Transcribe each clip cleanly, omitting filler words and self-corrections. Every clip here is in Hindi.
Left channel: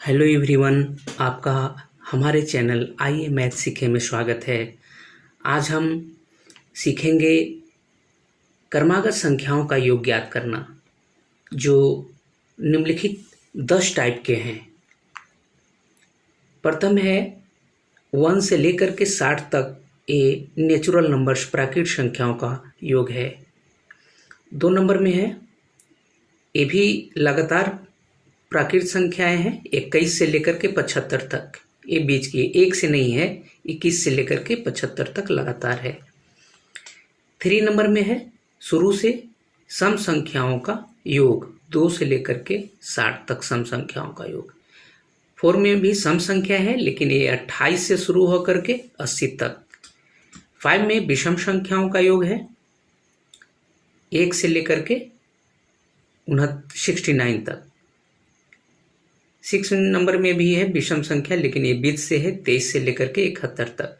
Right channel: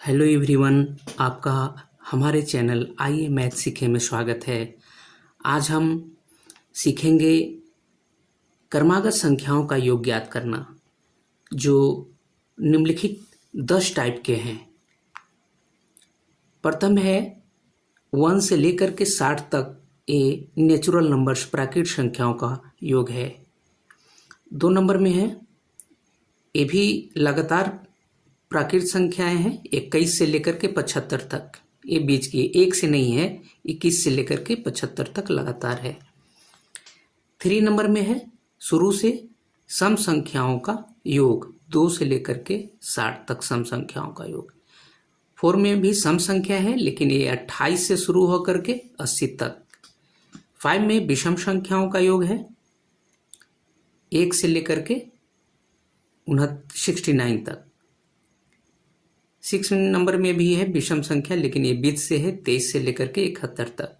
हेलो एवरीवन, आपका हमारे चैनल आइए मैथ सीखे में स्वागत है। आज हम सीखेंगे क्रमागत संख्याओं का योग ज्ञात करना, जो निम्नलिखित 10 टाइप के हैं। प्रथम है 1 से लेकर के 60 तक, ये नेचुरल नंबर्स प्राकृतिक संख्याओं का योग है। 2 नंबर में है, ये भी लगातार प्राकृतिक संख्याएं हैं, 21 से लेकर के 75 तक, ये बीच की, एक से नहीं है, 21 से लेकर के 75 तक लगातार है। 3 नंबर में है, शुरू से सम संख्याओं का योग, 2 से लेकर के 60 तक सम संख्याओं का योग। 4 में भी सम संख्या है, लेकिन ये 28 से शुरू होकर के 80 तक। 5 में विषम संख्याओं का योग है, 1 से लेकर के 69 तक। 6 नंबर में भी है विषम संख्या, लेकिन ये बीच से है, 23 से लेकर के 71 तक।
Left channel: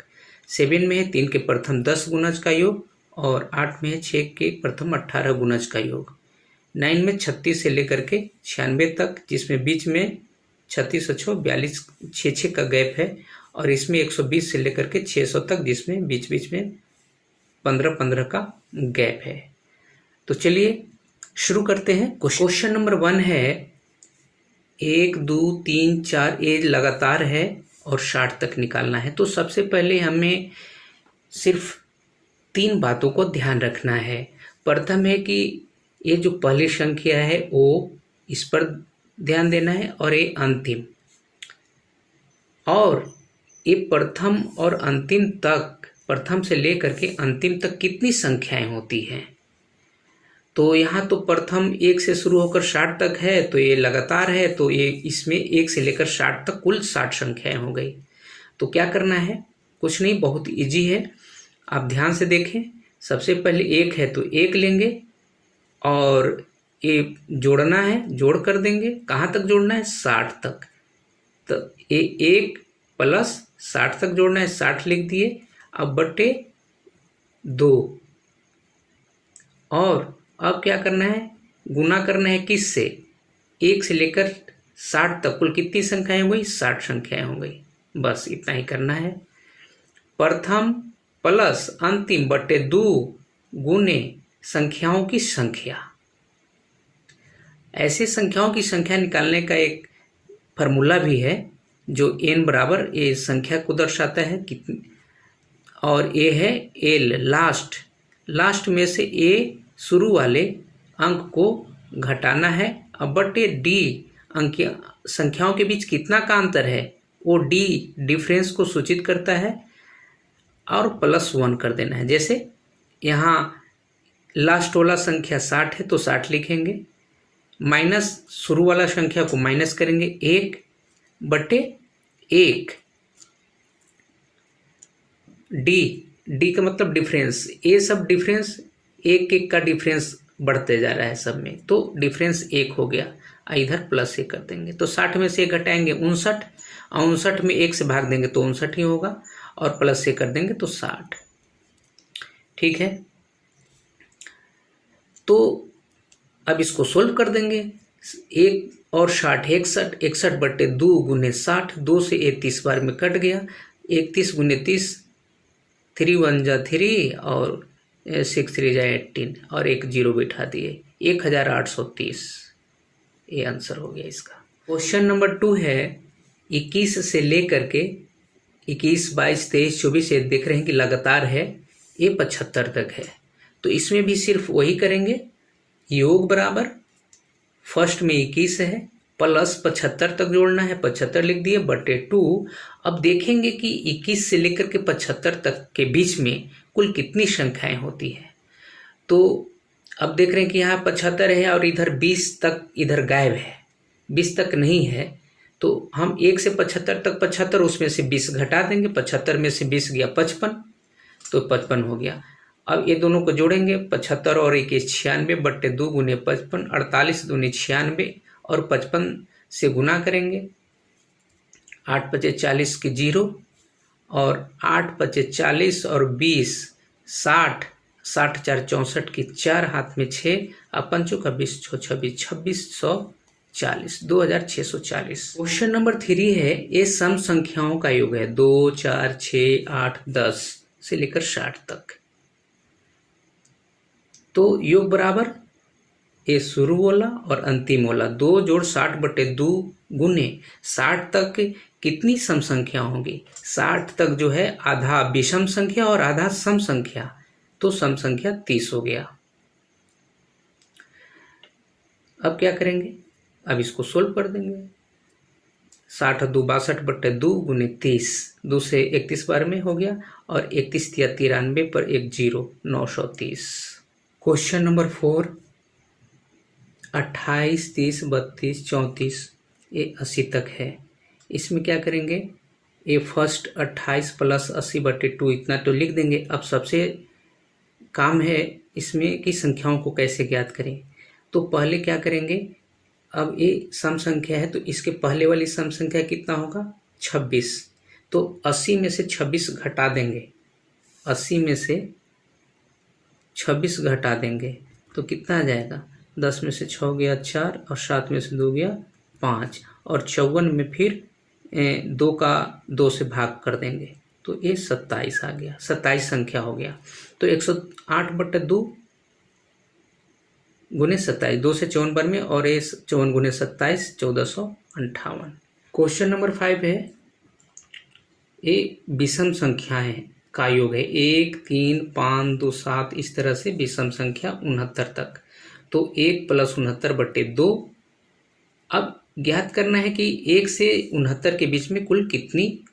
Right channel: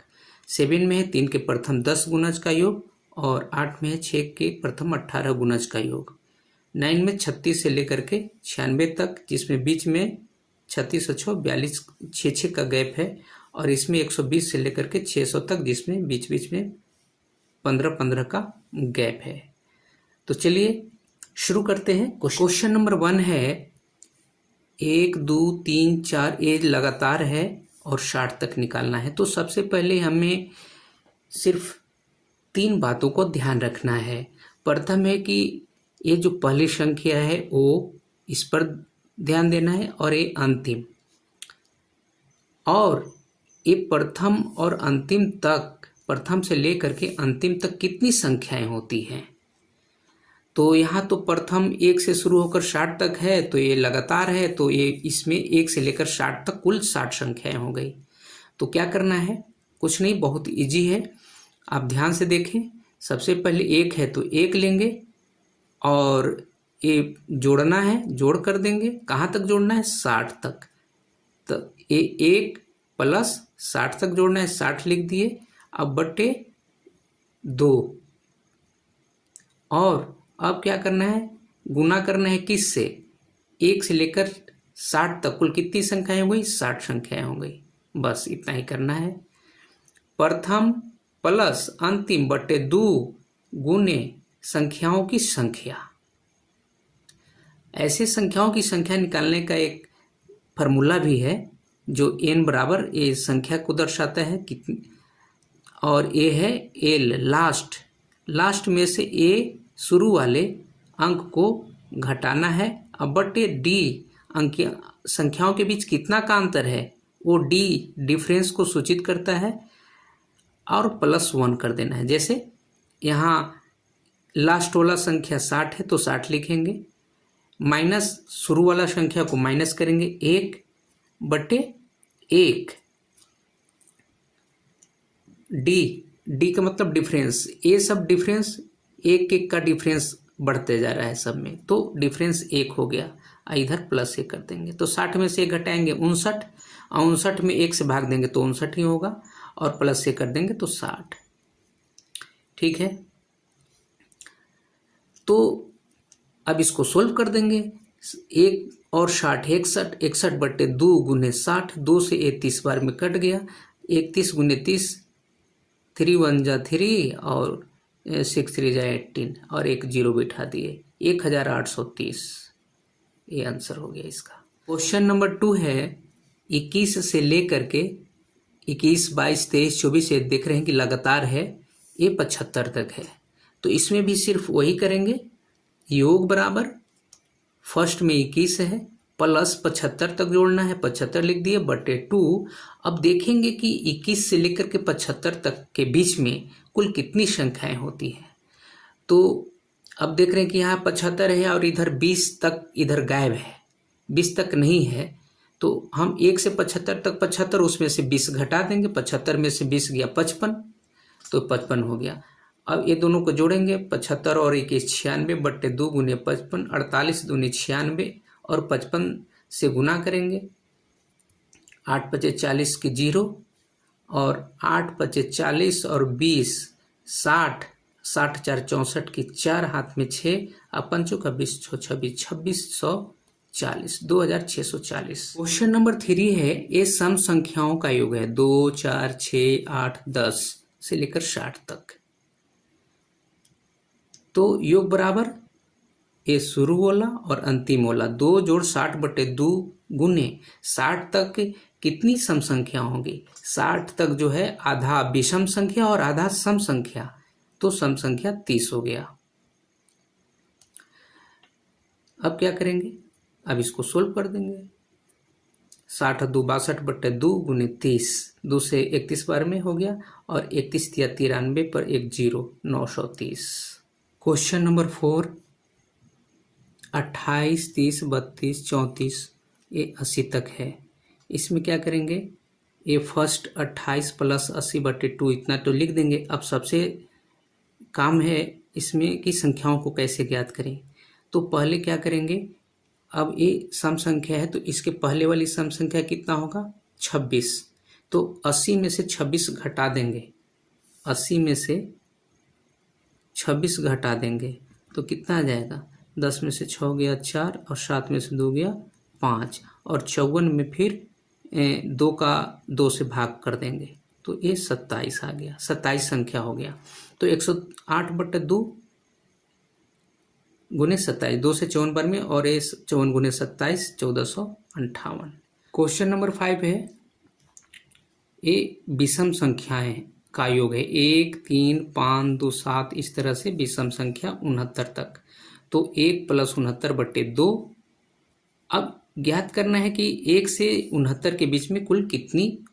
7 में है 3 के प्रथम 10 गुणज का योग, और 8 में है 6 के प्रथम 18 गुणज का योग। 9 में 36 से लेकर के 96 तक, जिसमें बीच में 36 और 42 6 का गैप है, और इसमें 120 से लेकर के 600 तक, जिसमें बीच बीच में 15 का गैप है। तो चलिए शुरू करते हैं। क्वेश्चन नंबर 1 है 1 2 3 4, ये लगातार है और 60 तक निकालना है। तो सबसे पहले हमें सिर्फ 3 बातों को ध्यान रखना है। प्रथम है कि ये जो पहली संख्या है वो इस पर ध्यान देना है, और ये अंतिम, और ये प्रथम और अंतिम तक, प्रथम से लेकर के अंतिम तक कितनी संख्याएं होती हैं। तो यहाँ तो प्रथम 1 से शुरू होकर 60 तक है, तो ये लगातार है, तो ये इसमें 1 से लेकर 60 तक कुल 60 संख्याएं हो गई। तो क्या करना है, कुछ नहीं, बहुत इजी है। आप ध्यान से देखें। सबसे पहले 1 है तो 1 लेंगे, और ये जोड़ना है, जोड़ कर देंगे। कहाँ तक जोड़ना है, 60 तक। तो ये 1 प्लस 60 तक जोड़ना है, 60 लिख दिए। अब बटे 2, और अब क्या करना है, गुना करना है किससे, 1 से लेकर 60 तक कुल कितनी संख्याएं हो गई, 60 संख्याएं हो गई। बस इतना ही करना है। प्रथम प्लस अंतिम बटे 2 गुने संख्याओं की संख्या। ऐसे संख्याओं की संख्या निकालने का एक फार्मूला भी है, जो n बराबर ये संख्या को दर्शाता है कितनी, और ये है l, लास्ट में से a शुरू वाले अंक को घटाना है। अब बटे d, अंक संख्याओं के बीच कितना का अंतर है, वो d डिफरेंस को सूचित करता है, और +1 कर देना है। जैसे यहाँ लास्ट वाला संख्या 60 है तो 60 लिखेंगे, माइनस शुरू वाला संख्या को माइनस करेंगे, 1 बटे 1। d का मतलब डिफरेंस, ये सब डिफरेंस 1 का डिफरेंस बढ़ते जा रहा है सब में, तो डिफरेंस 1 हो गया। इधर +1 कर देंगे, तो 60 में से 1 घटाएंगे 59, और 59 में 1 से भाग देंगे तो 59 ही होगा, और +1 कर देंगे तो 60। ठीक है, तो अब इसको सोल्व कर देंगे। 1 और 60, 61 बटे 2 गुने 60, 2 से 30 बार में कट गया, 31 गुने 30, 3 1 जा 3, और 6 3 जा 18, और एक 0 बिठा दिए, 1830। ये आंसर हो गया इसका। क्वेश्चन नंबर 2 है 21 से लेकर के 21 22 23 24, ये देख रहे हैं कि लगातार है, ये 75 तक है। तो इसमें भी सिर्फ वही करेंगे, योग बराबर फर्स्ट में 21 है, प्लस 75 तक जोड़ना है, 75 लिख दिए, बटे 2। अब देखेंगे कि 21 से लेकर के 75 तक के बीच में कुल कितनी संख्याएं होती है। तो अब देख रहे हैं कि यहाँ 75 है, और इधर 20 तक इधर गायब है, 20 तक नहीं है। तो हम 1 से 75 तक 75, उसमें से 20 घटा देंगे, 75 में से 20 गया 55, तो 55 हो गया। अब ये दोनों को जोड़ेंगे, 75 और 21 96 बटे 2 गुने 55, 48 दूनी 96, और 55 से गुना करेंगे, 8 5 40 की 0, और 8 5 40 और 20 60, 60 4 64 की 4, हाथ में 6, 5 का 20 26 2600 40, 2640। क्वेश्चन नंबर 3 है, ये सम संख्याओं का योग है 2, 4, 6, 8, 10 से लेकर 60 तक। तो योग बराबर ये शुरू वाला और अंतिम वाला 2 जोड़ 60/2 गुने 60 तक कितनी सम संख्या होगी? 60 तक जो है आधा विषम संख्या और आधा सम संख्या, तो सम संख्या 30 हो गया। अब क्या करेंगे? अब इसको सोल्व कर देंगे। 60 2 62/2 गुने 30, 2 से 31 बार में हो गया और 31 या 93 पर एक 0, 930। क्वेश्चन नंबर 4, 28, 30, 32, 34 ये 80 तक है। इसमें क्या करेंगे? ये फर्स्ट 28 + 80/2 इतना तो लिख देंगे। अब सबसे काम है इसमें कि संख्याओं को कैसे ज्ञात करें। तो पहले क्या करेंगे? अब ये सम संख्या है तो इसके पहले वाली सम संख्या कितना होगा? 26। तो 80 में से 26 घटा देंगे, 80 में से 26 घटा देंगे तो कितना आ जाएगा? 10 में से 6 गया 4 और 7 में से 2 गया 5 और 54 में फिर 2 का 2 से भाग कर देंगे तो ये 27 आ गया, 27 संख्या हो गया। तो 108/2 गुने 27, 2 से 54 बार में और ये 54 गुने 27, 1458। क्वेश्चन नंबर 5 है, ये विषम संख्याएं का योग है 1, 3, 5, 2, 7 इस तरह से विषम संख्या 69 तक। तो 1 + 69/2। अब ज्ञात करना है कि 1 से 69 के बीच में कुल कितनी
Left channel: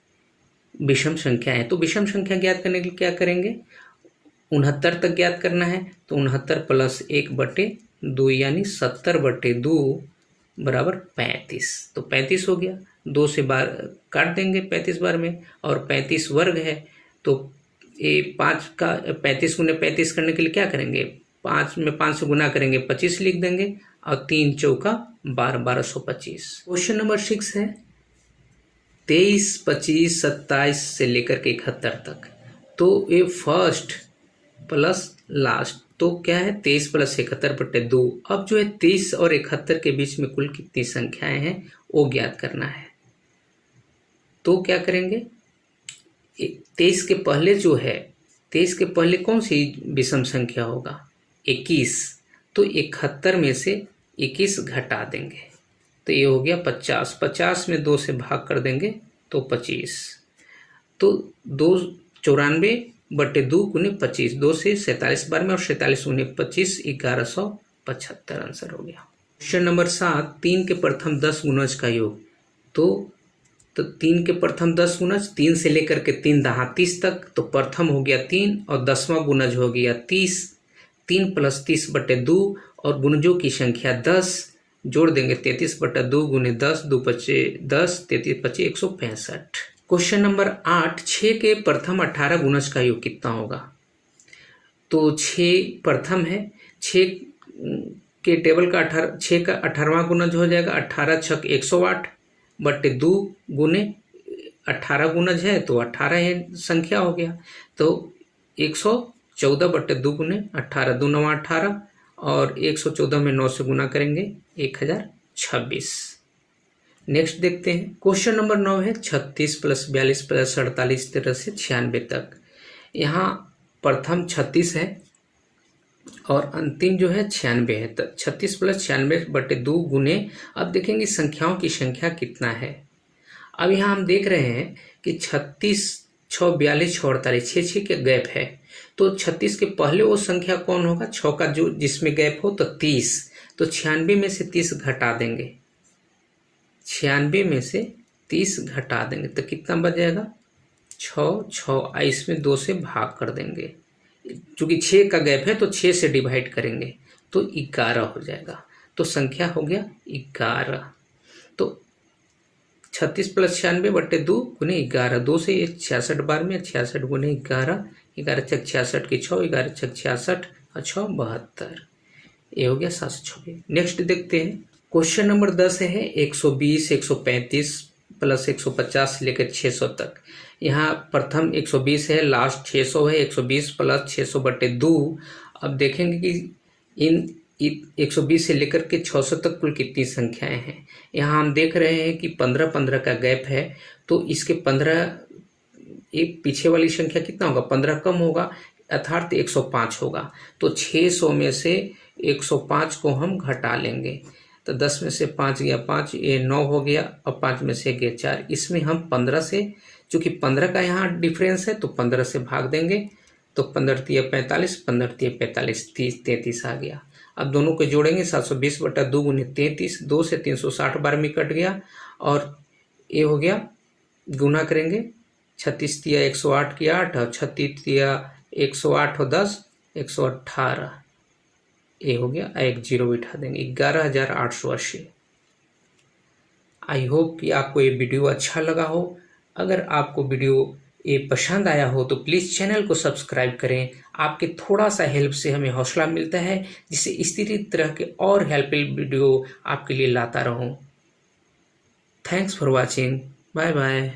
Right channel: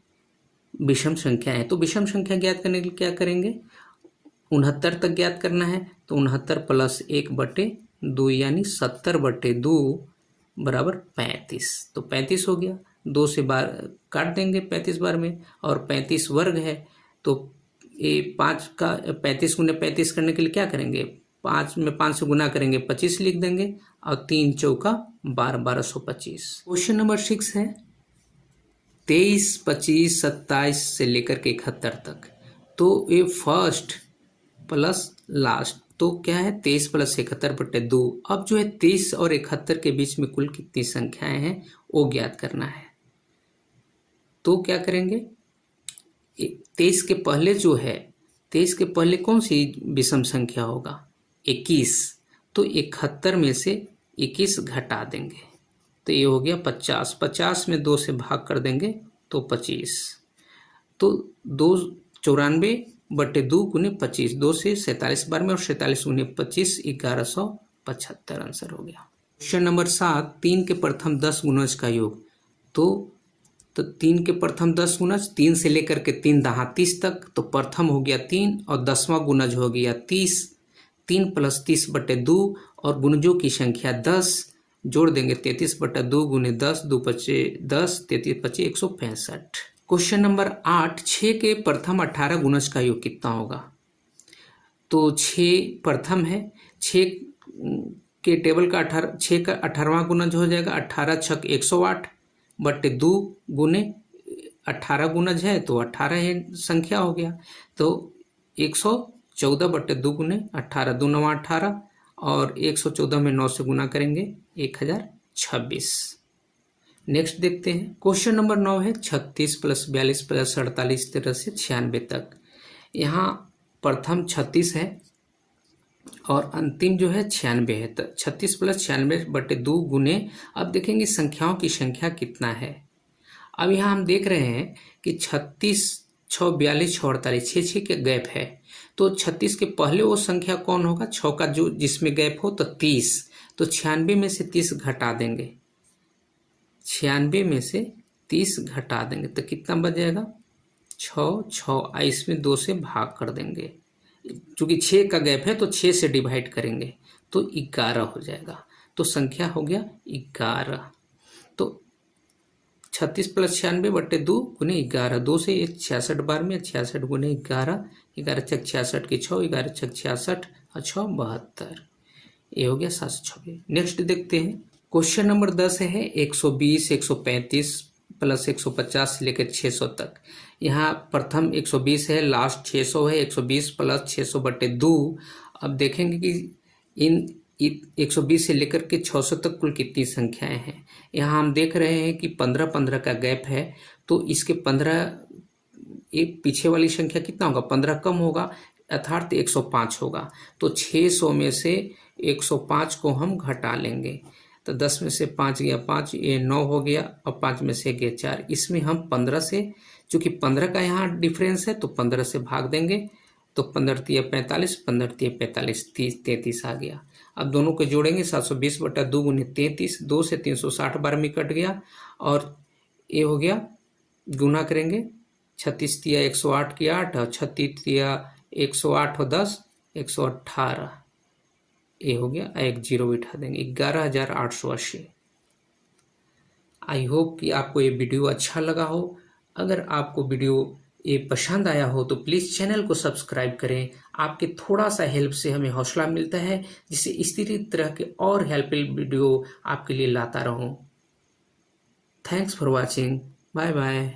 विषम संख्या है। तो विषम संख्या ज्ञात करने के लिए क्या करेंगे? 69 तक ज्ञात करना है तो 69 + 1/2 यानी 70/2 बराबर 35। तो 35 हो गया। 2 से बार काट देंगे 35 बार में और 35 वर्ग है तो ये 5 का 35 गुने 35 करने के लिए क्या करेंगे? 5 में 5 से गुना करेंगे 25 लिख देंगे और 3 चौका 12, 1225। क्वेश्चन नंबर 6 है 23, 25, 27 से लेकर के 71 तक। तो ये फर्स्ट प्लस लास्ट तो क्या है? 23 + 71/2। अब जो है 23 और 71 के बीच में कुल कितनी संख्याएं हैं वो ज्ञात करना है। तो क्या करेंगे? 23 के पहले जो है, 23 के पहले कौन सी विषम संख्या होगा? 21। तो 71 में से 21 घटा देंगे तो ये हो गया 50। 50 में 2 से भाग कर देंगे तो 25। तो 294/2 गुने 25, 2 से 47 बार में और 47 गुने 25, 1175 आंसर हो गया। क्वेश्चन नंबर 7, 3 के प्रथम 10 गुणज का योग। तो 3 के प्रथम 10 गुणज 3 से लेकर के 3 दहा 30 तक। तो प्रथम हो गया 3 और 10वां गुणज हो गया 30। 3 + 30/2 और गुणजों की संख्या 10 जोड़ देंगे 33/2 गुने 10, 2 × 10, 33 × 25, 165। क्वेश्चन नंबर 8, 6 के प्रथम 18 गुणज का योग कितना होगा? तो 6 प्रथम है, 6 के टेबल का 6 का 18वां गुणज हो जाएगा 18 × 6 108/2 गुने 18 गुणज है तो 18 है संख्या हो गया। तो 114/2 गुने 18, 2 × 9 18 और 114 में 9 से गुना करेंगे 1026। नेक्स्ट देखते हैं। क्वेश्चन नंबर 9 है 36 + 42 + 48 तरह से 96 तक। यहाँ प्रथम 36 है और अंतिम जो है 96 है। तो 36 + 96/2 गुने, अब देखेंगे संख्याओं की संख्या कितना है। अब यहाँ हम देख रहे हैं कि 36, 6, 42, 6, 48, 6 के गैप है। तो 36 के पहले वो संख्या कौन होगा? 6 का जो जिसमें गैप हो तो 30। तो 96 में से 30 घटा देंगे, 96 में से 30 घटा देंगे तो कितना बच जाएगा? 6, 6 इसमें 2 से भाग कर देंगे। चूँकि 6 का गैप है तो 6 से डिवाइड करेंगे तो 11 हो जाएगा। तो संख्या हो गया 11। तो 36 + 96/2 गुने 11, 2 से 66 बार में 66 गुने 11, 11 × 6 66 की 6, 11 × 6 66 और 6 72। ये हो गया 726। नेक्स्ट देखते हैं। क्वेश्चन नंबर 10 है 120, 135 + 150 से लेकर 600 तक। यहाँ प्रथम 120 है, लास्ट 600 है, 120 + 600/2। अब देखेंगे कि इन 120 से लेकर के 600 तक कुल कितनी संख्याएं हैं। यहाँ हम देख रहे हैं कि 15-15 का गैप है, तो इसके 15 एक पीछे वाली संख्या कितना होगा, 15 कम होगा, अर्थात 105 होगा। तो 600 में से 105 को हम घटा लेंगे, तो 10 में से 5 गया 5, ये 9 हो गया, और 5 में से गया 4। इसमें हम 15 से, चूँकि 15 का यहाँ डिफरेंस है तो 15 से भाग देंगे, तो 15 तिया 45, 15 तिया 45, 30, 33 आ गया। अब दोनों को जोड़ेंगे, 720/2 गुने 33, 2 से 360 बार में कट गया, और ये हो गया, गुना करेंगे, 36 तिया 108 की 8, और 36 तिया 108 और 10, 118, ये हो गया, एक जीरो बिठा देंगे, 11,880। आई होप कि आपको ये वीडियो अच्छा लगा हो। अगर आपको वीडियो ये पसंद आया हो तो प्लीज़ चैनल को सब्सक्राइब करें। आपके थोड़ा सा हेल्प से हमें हौसला मिलता है, जिससे इस तरह के और हेल्पफुल वीडियो आपके लिए लाता रहूं। Thanks for watching, bye bye.